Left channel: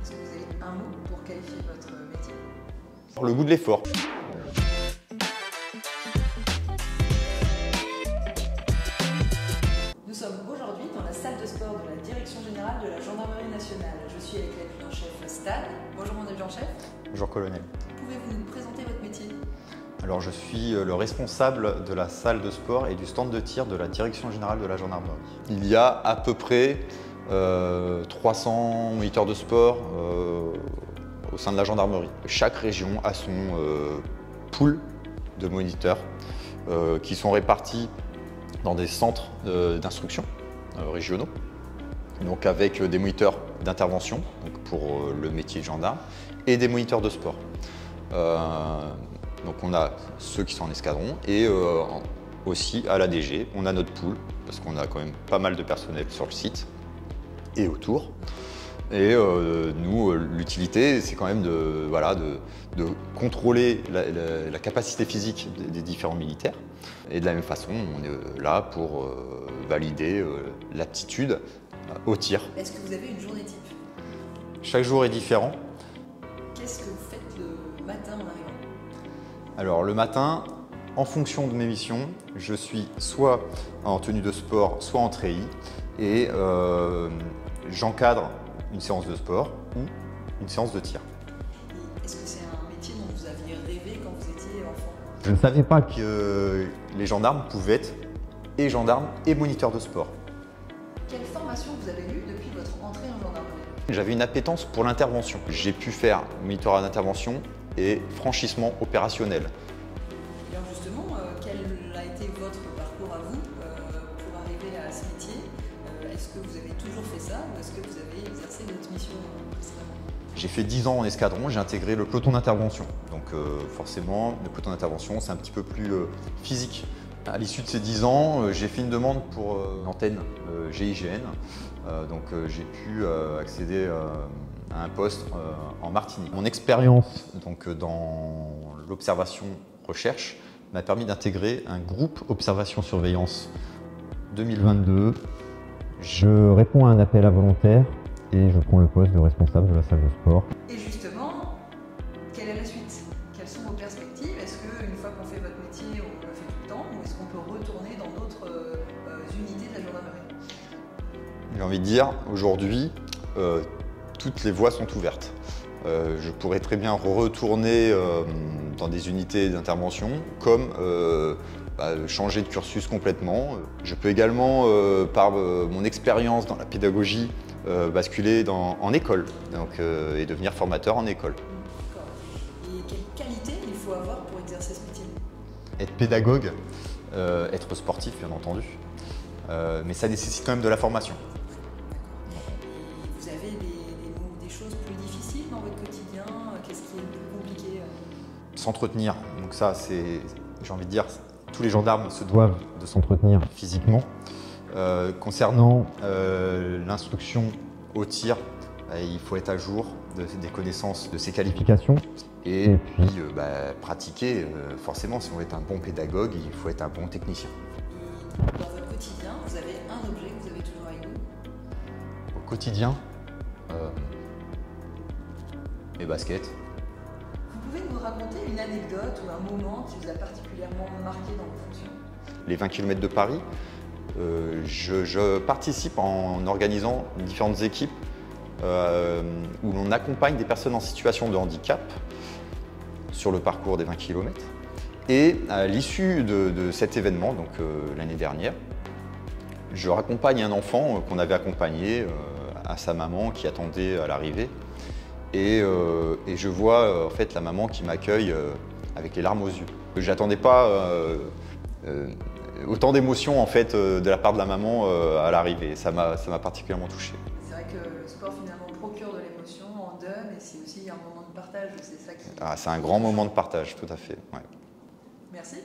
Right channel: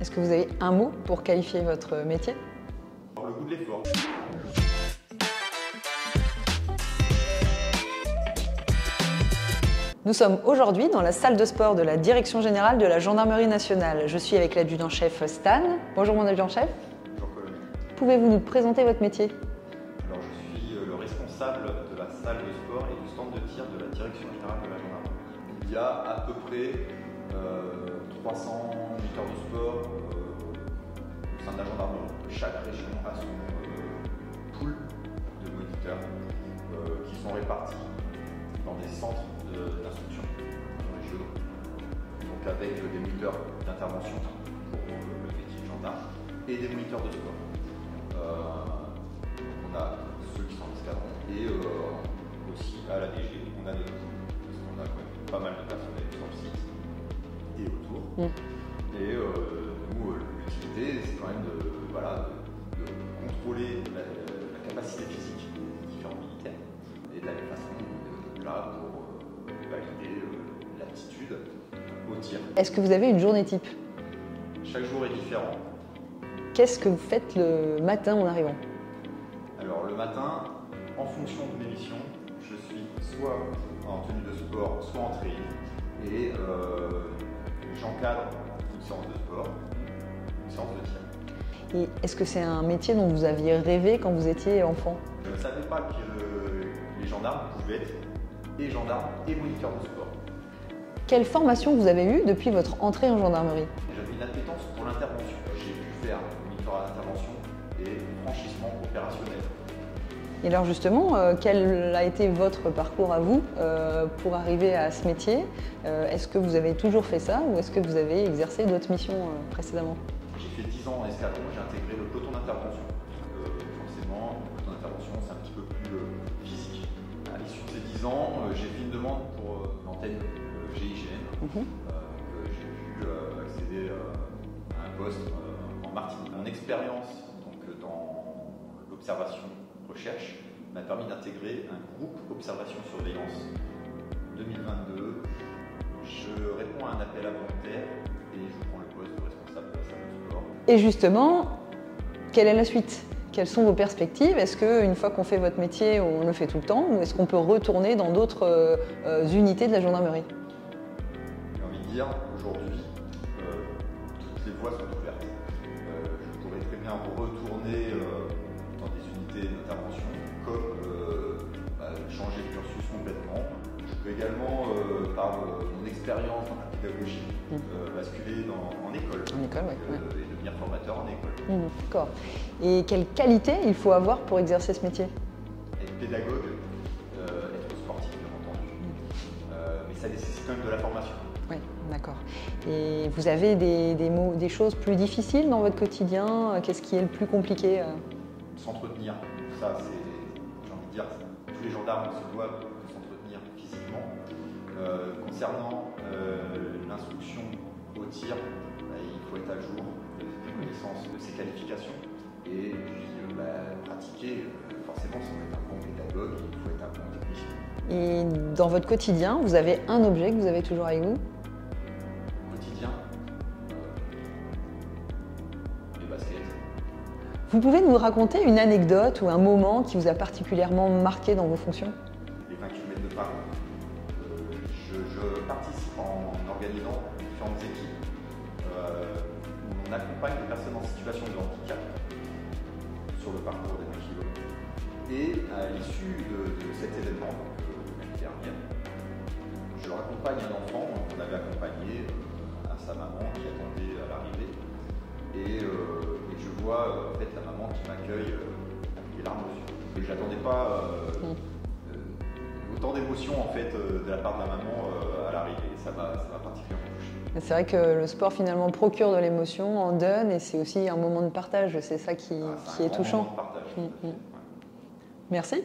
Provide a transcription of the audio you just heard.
Est-ce que vous avez un mot pour qualifier votre métier? Le goût de l'effort. Nous sommes aujourd'hui dans la salle de sport de la Direction Générale de la Gendarmerie Nationale. Je suis avec l'adjudant-chef Stan. Bonjour mon adjudant-chef. Bonjour colonel. Pouvez-vous nous présenter votre métier? Alors je suis le responsable de la salle de sport et du stand de tir de la Direction Générale de la Gendarmerie. Il y a à peu près 300 moniteurs de sport au sein de la gendarmerie. Chaque région a son pool de moniteurs qui sont répartis dans des centres d'instruction régionaux, donc avec des moniteurs d'intervention pour le métier de gendarme et des moniteurs de sport. Donc on a ceux qui sont en escadron et aussi à l'ADG, on a notre pool parce qu'on a quand même pas mal de personnel sur le site et autour. Et nous, l'utilité, c'est quand même de contrôler la capacité physique des différents militaires. Et de la même façon, on est là pour valider l'aptitude au tir. Est-ce que vous avez une journée type? Chaque jour est différent. Qu'est-ce que vous faites le matin en arrivant? Alors le matin, en fonction de mes missions, je suis soit en tenue de sport, soit en treillis et j'encadre une séance de sport ou une séance de tir. Et est-ce que c'est un métier dont vous aviez rêvé quand vous étiez enfant? Je ne savais pas que les gendarmes pouvaient être et gendarmes et moniteurs de sport. Quelle formation vous avez eue depuis votre entrée en gendarmerie? J'avais une appétence pour l'intervention. J'ai pu faire monitorat d'intervention et franchissement opérationnel. Et alors justement, quel a été votre parcours à vous pour arriver à ce métier? Est-ce que vous avez toujours fait ça ou est-ce que vous avez exercé d'autres missions précédemment? J'ai fait 10 ans en escadron, j'ai intégré le peloton d'intervention. Donc forcément, le peloton d'intervention, c'est un petit peu plus physique. À l'issue de ces 10 ans, j'ai fait une demande pour l'antenne GIGN. Donc j'ai pu accéder à un poste en Martinique. Mon expérience donc, dans l'observation recherche m'a permis d'intégrer un groupe observation-surveillance 2022. Je réponds à un appel à volontaires et je prends le poste de responsable de la salle de sport. Et justement, quelle est la suite? Quelles sont vos perspectives? Est-ce qu'une fois qu'on fait votre métier, on le fait tout le temps ou est-ce qu'on peut retourner dans d'autres unités de la gendarmerie? J'ai envie de dire, aujourd'hui, toutes les voies sont ouvertes. Je pourrais très bien retourner dans des unités d'intervention, comme changer de cursus complètement. Je peux également, par mon expérience dans la pédagogie, basculer en école et devenir formateur en école. D'accord. Et quelle qualité il faut avoir pour exercer ce métier? Être pédagogue, être sportif bien entendu, mais ça nécessite quand même de la formation. Oui, d'accord. Et vous avez des choses plus difficiles dans votre quotidien? Qu'est-ce qui est le plus compliqué? S'entretenir, donc ça c'est, j'ai envie de dire, tous les gendarmes se doivent de s'entretenir physiquement. Concernant l'instruction au tir, il faut être à jour des connaissances de ses qualifications et puis pratiquer. Forcément, si on veut être un bon pédagogue, il faut être un bon technicien. Et dans votre quotidien, vous avez un objet que vous avez toujours avec vous? Au quotidien, mes baskets. Vous pouvez nous raconter une anecdote ou un moment qui vous a particulièrement marqué dans vos fonctions? Les 20 km de Paris, je participe en organisant différentes équipes où l'on accompagne des personnes en situation de handicap sur le parcours des 20 km. Et à l'issue de cet événement, donc l'année dernière, je raccompagne un enfant qu'on avait accompagné à sa maman qui attendait à l'arrivée. Et je vois en fait la maman qui m'accueille avec les larmes aux yeux. J'attendais pas autant d'émotions en fait de la part de la maman à l'arrivée. Ça m'a particulièrement touché. C'est vrai que le sport finalement procure de l'émotion, en donne et c'est aussi un moment de partage. C'est ça qui. C'est un grand moment de partage, tout à fait. Ouais. Merci.